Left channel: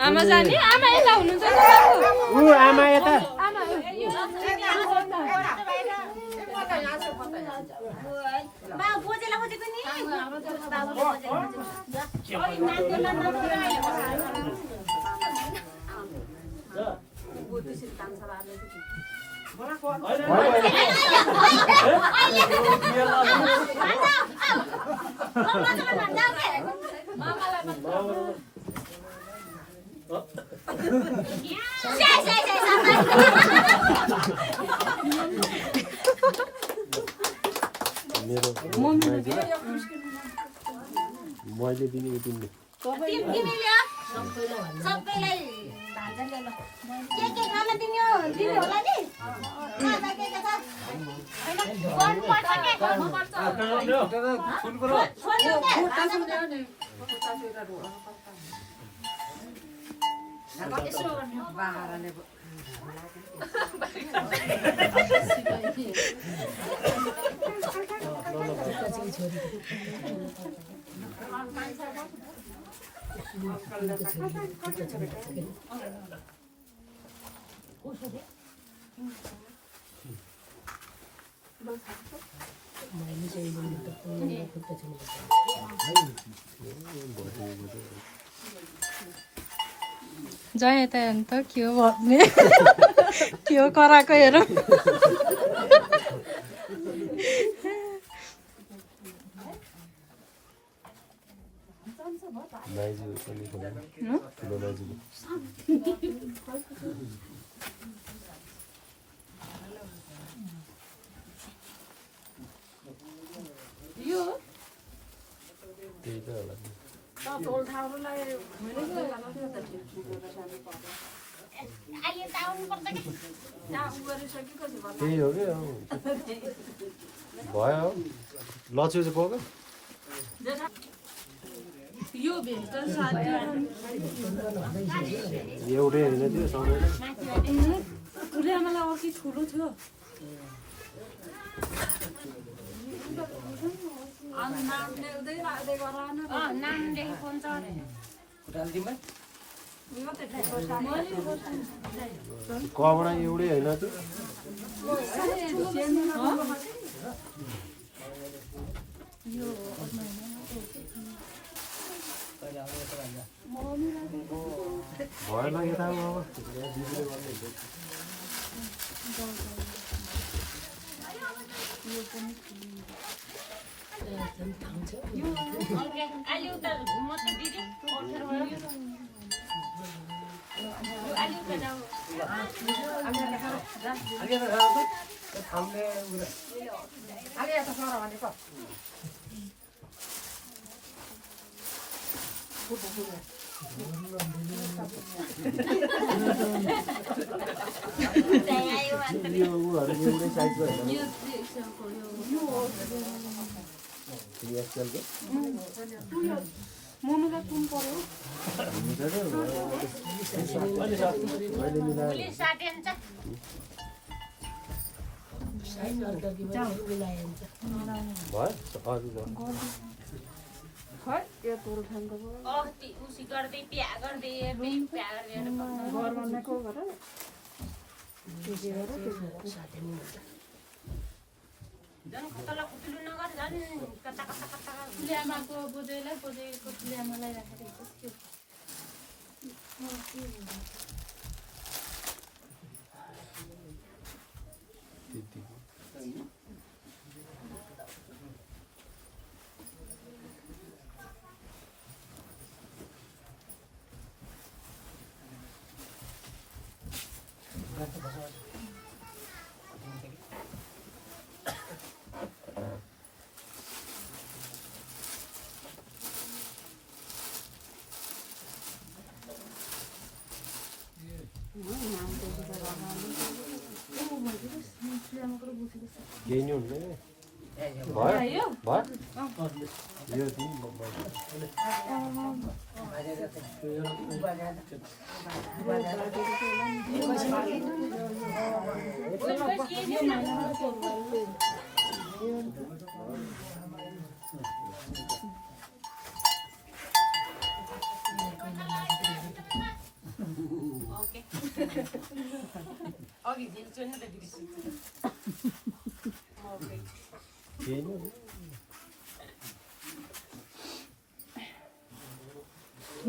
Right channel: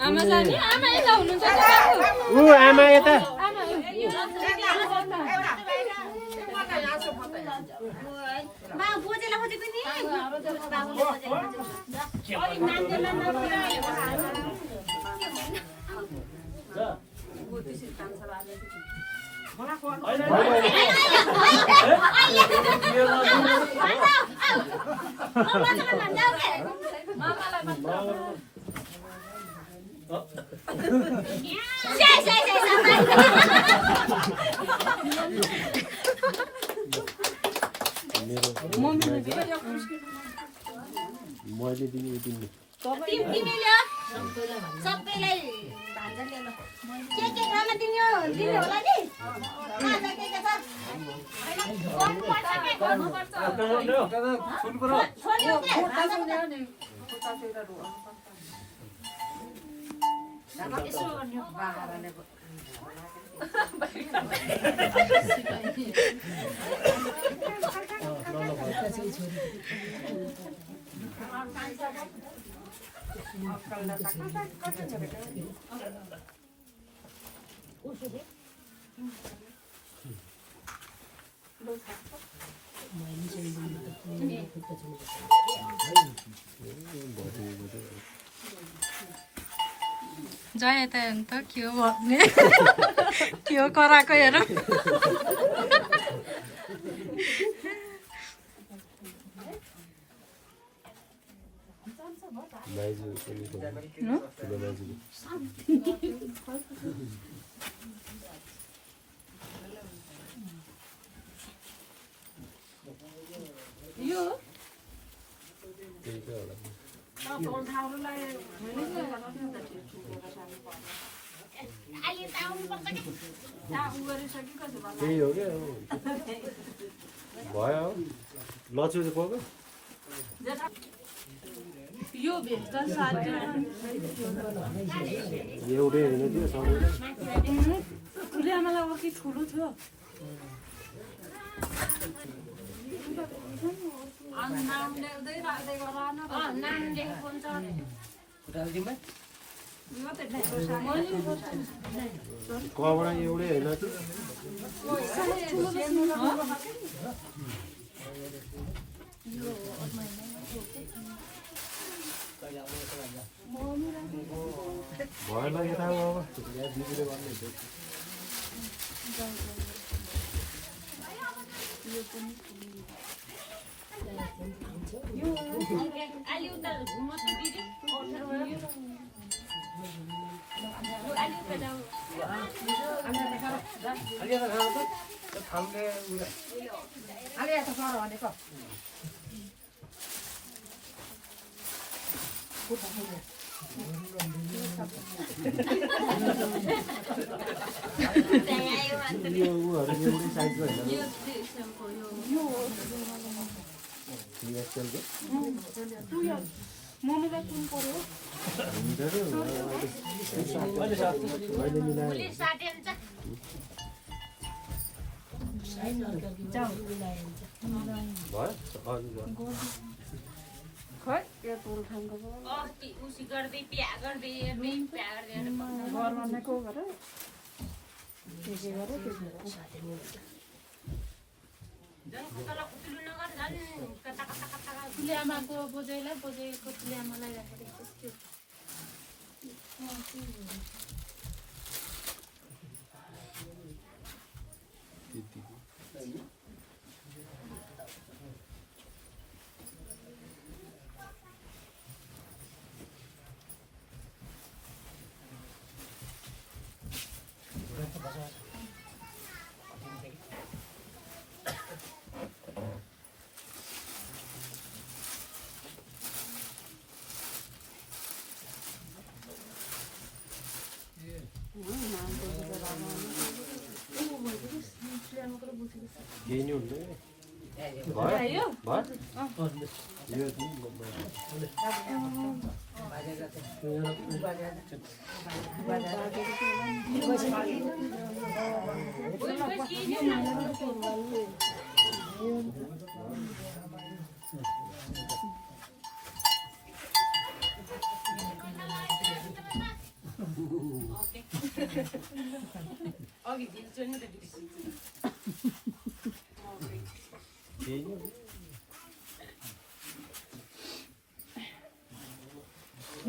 आमा जाने आमा यता हुनुहुन्छ आमा यता मैले दिनु दिनु सबैलाई भान्जा ल्याउन के खाना दिनु दिनु होला नि खाना के छ गर्नु पर्छ के गर्नु पर्छ सुन पुरो फोटा सुन्यो नि फोटा सुनेर यसो गर्नु बाहारले जाए त अन्त के हो भन्ने के हो कराएको हेरौँ त्यही हो क्या भयो लच्यौ चाहिँ पाउँछ एउटै होइन त्यो सबै मलाई अर्कै ठुलो थियो कबडा एउटै होइन त्यो भएन यता अब दिदीले गर्नुहुन्छ यो उहरू एउटै साइजको होइन मम्मीलाई कुन पर्यो मैले मिलाएँ खै यो तुल खान्छ उसी गर्दै प्या गर्दै प्या गर्दै घरमा नै को गर के गर तुल्यामाको बोजैलाई बोजैको तुल्यामालाई राखेर त्यो केही नि हुँदैन भयो भयो यो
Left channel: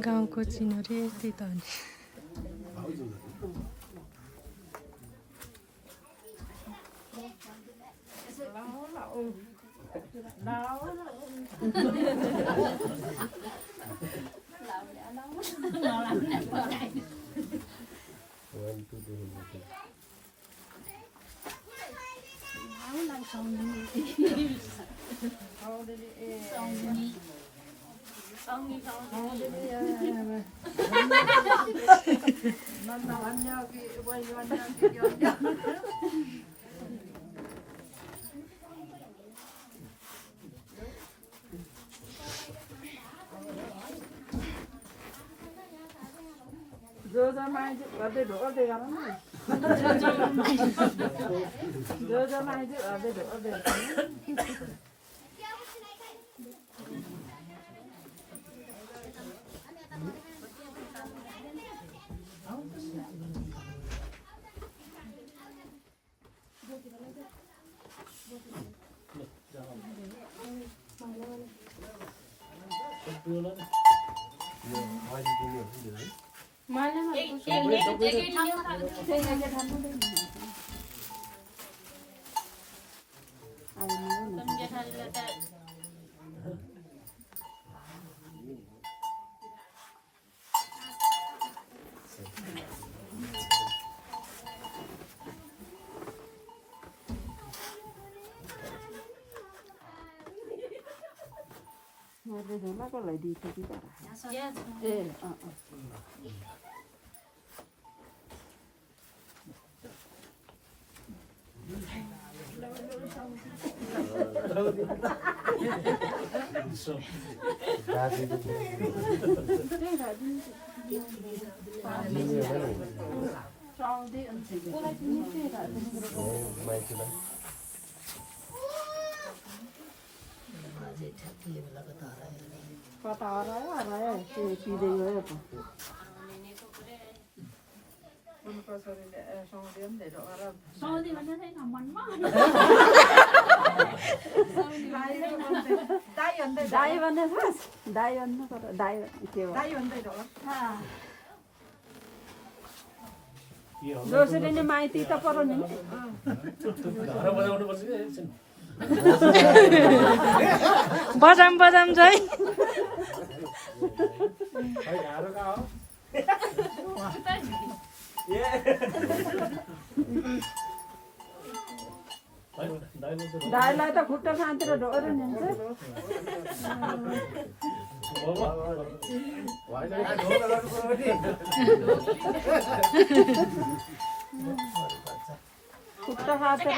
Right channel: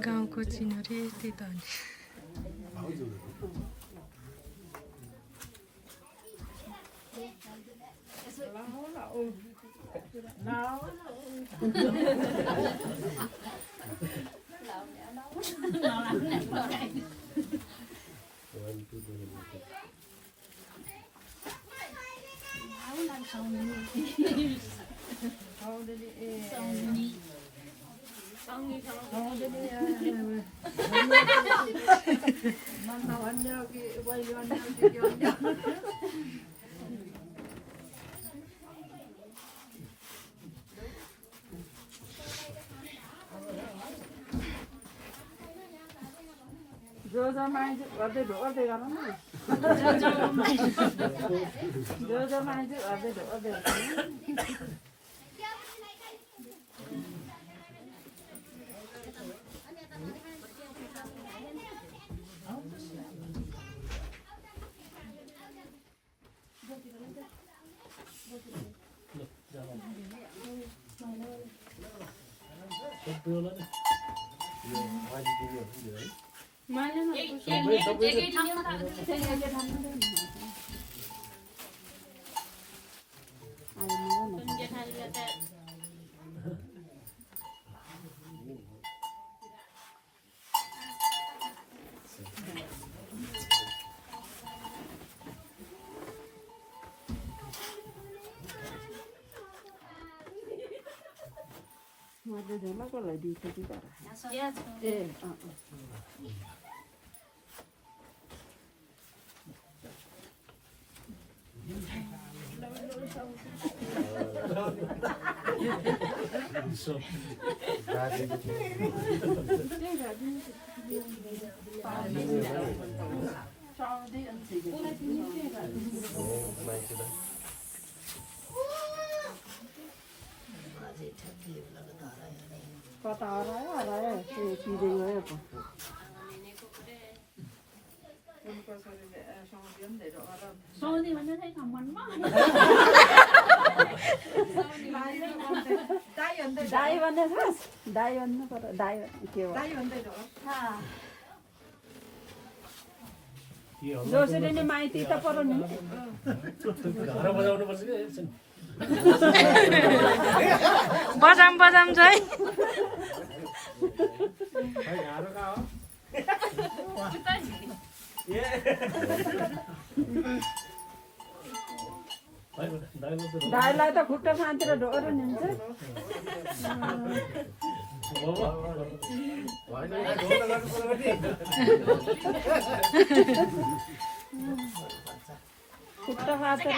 गाउँको चिनहरू यस्तै त हुन्छ जो माइजू गर्दै ढोर्दै गर न जो माइजू गर्दै ढोर्दै मैले झोलाको लगाइदिएको कि तर ए कता हरायो त्यो पिँदै गयो पो दाई भन्ने खास दाई भन्नु पर्यो दाई के हो जसरी नै माइती त पर्यो नि बजाम बजाम चाहिँ दाइलाई त खुट्टा शान्तिर ढोरो नि हुन्छ खुट्टा खातिर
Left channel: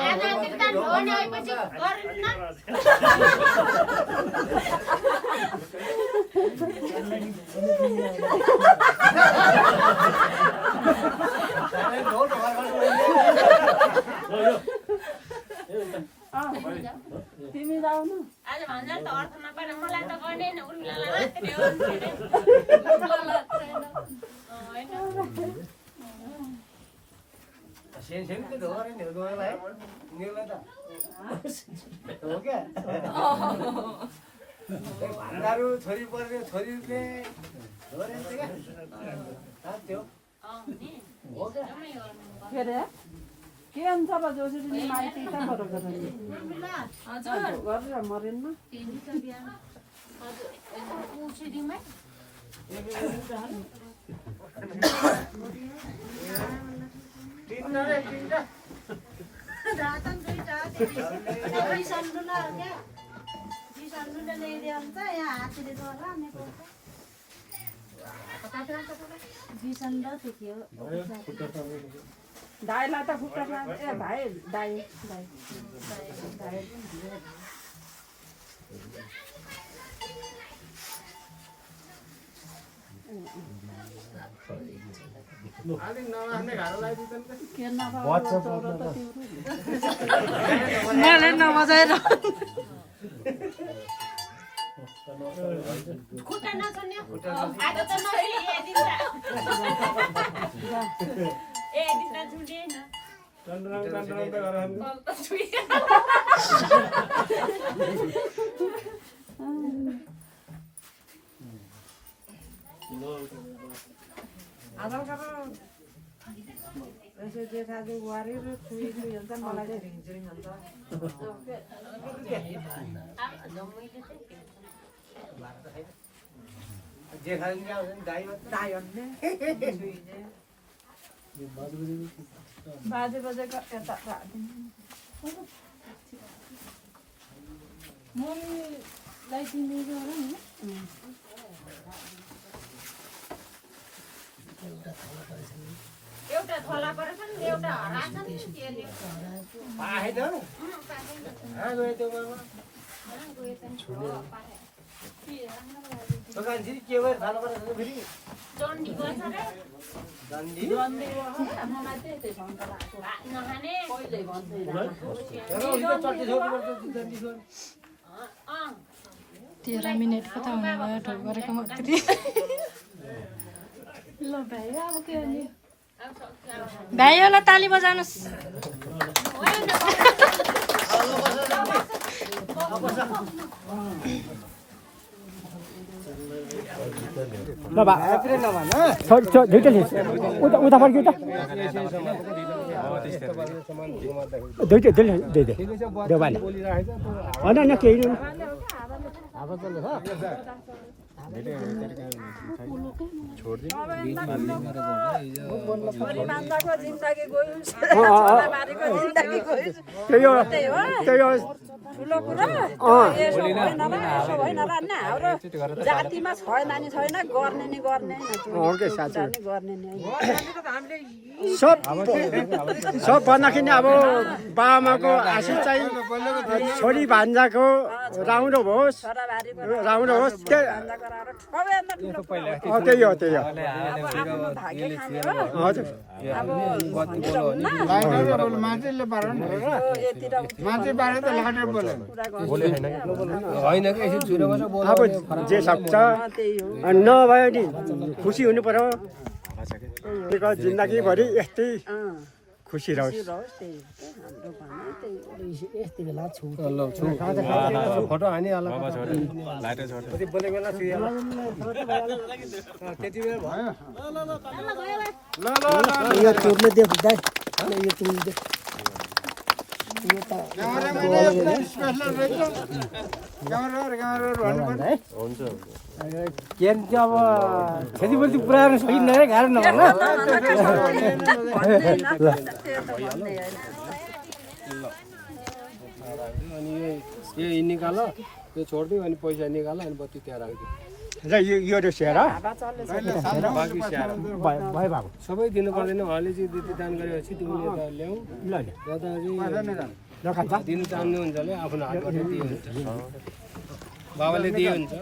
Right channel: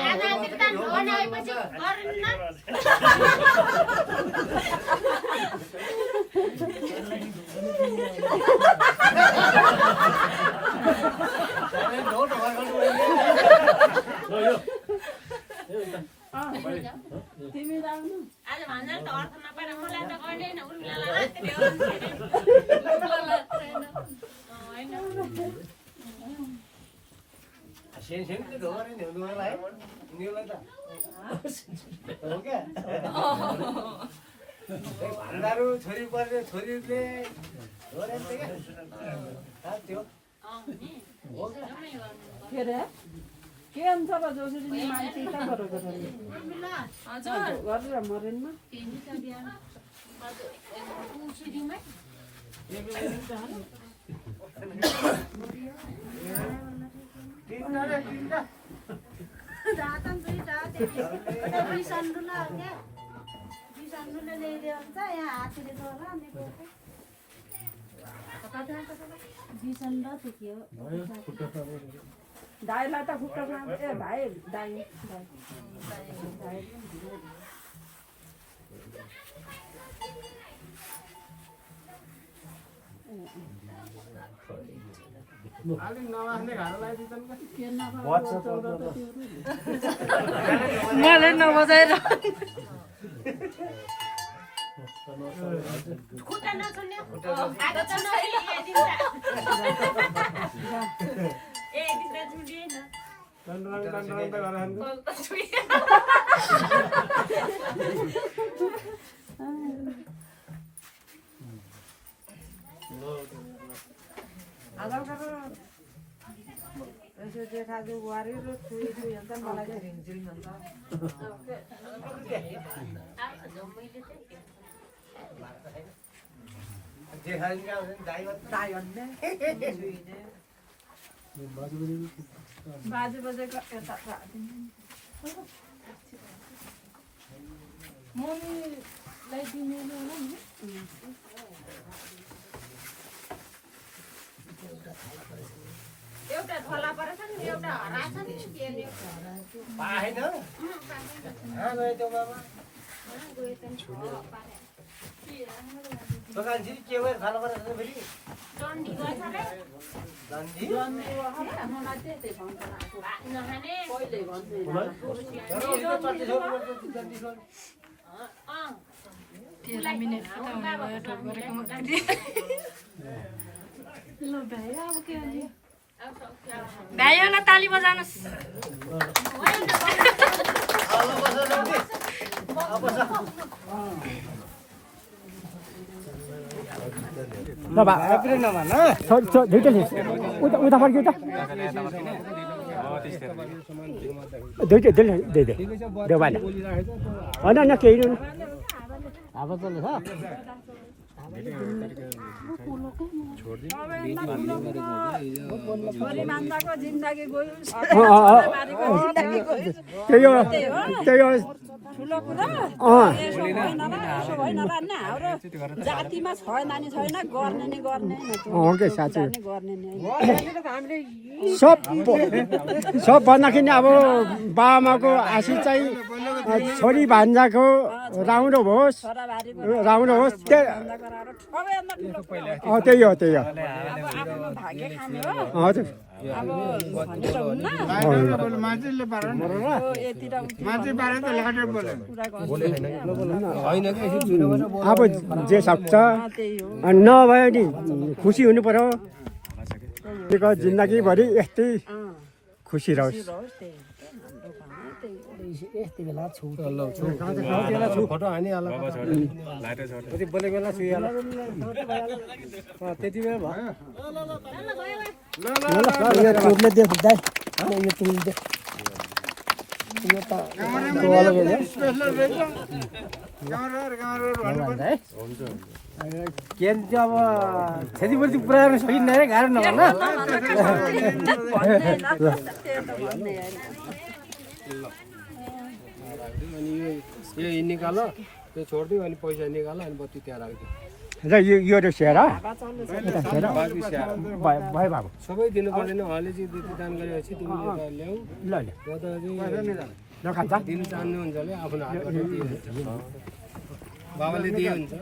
भान्डाहरू छोरी पर्ने छोरीले के अरे के हुन्छ र जोसरी माइती त बरोबर गरेर मरेन दाइलाई त खुट्टा ए भाइ दाइ मैले नबजाएर आधार कार्ड यसो जेठाजु बुहारी र छोरी हुन्छ मलाई चाहिँ भिन्चिङ हुन्छ बाजे बजेको यता मम्मीलाई तिमीले होला नि एउटा थोला परेछ नि एउटा हराछ नि केले पाएन त्यो बाबा दोकानजी के भएर खानु पर्छ फेरि डन्डी गर्छ रे डन्डी नखाने तर उनीको चट्टी छोड्नुपर्छ डन्डी छोड 13 मिनेट पो त हुने भयो ठोक गरेको मात्रै ल भाइ अब के गर्ने भाइ होला ताली बजाउनुस् उता फर्क्यो त दुइटै दे देवाला होइन केही जातिमा छैन नि छैन गर्ने नि गर्ने साँच्चै सब भन्दाखेरि अब बाबामाको आशिष चाहिँ छोरी भान्जाको राम्रो होस् त्यही हो हजुर अब जे सक्छ नभए नि खुसी हुनु पर्यो जिन्दगीभरि यस्तै खुसी रहोस् फोटो हानिहाल अब क्षतिपूर्ति पुऱ्याउन सकिन्न है गाह्रो नभन अनि यो निकाल त्यो छोडिदियो अनि पैसा निकाल अनि बत्ती त्यहाँ राखिदियो यो स्याहार बाँकी स्याहार भयो बाबु सबै दिनु पर्दैन उहाँले चाहिँ त्यति दान गरेपछि तिमीले ल्याऊ ल दिनु चाहनुहुन्छ भने आफ्नो हातबाट दिए बाबाले दिए हुन्छ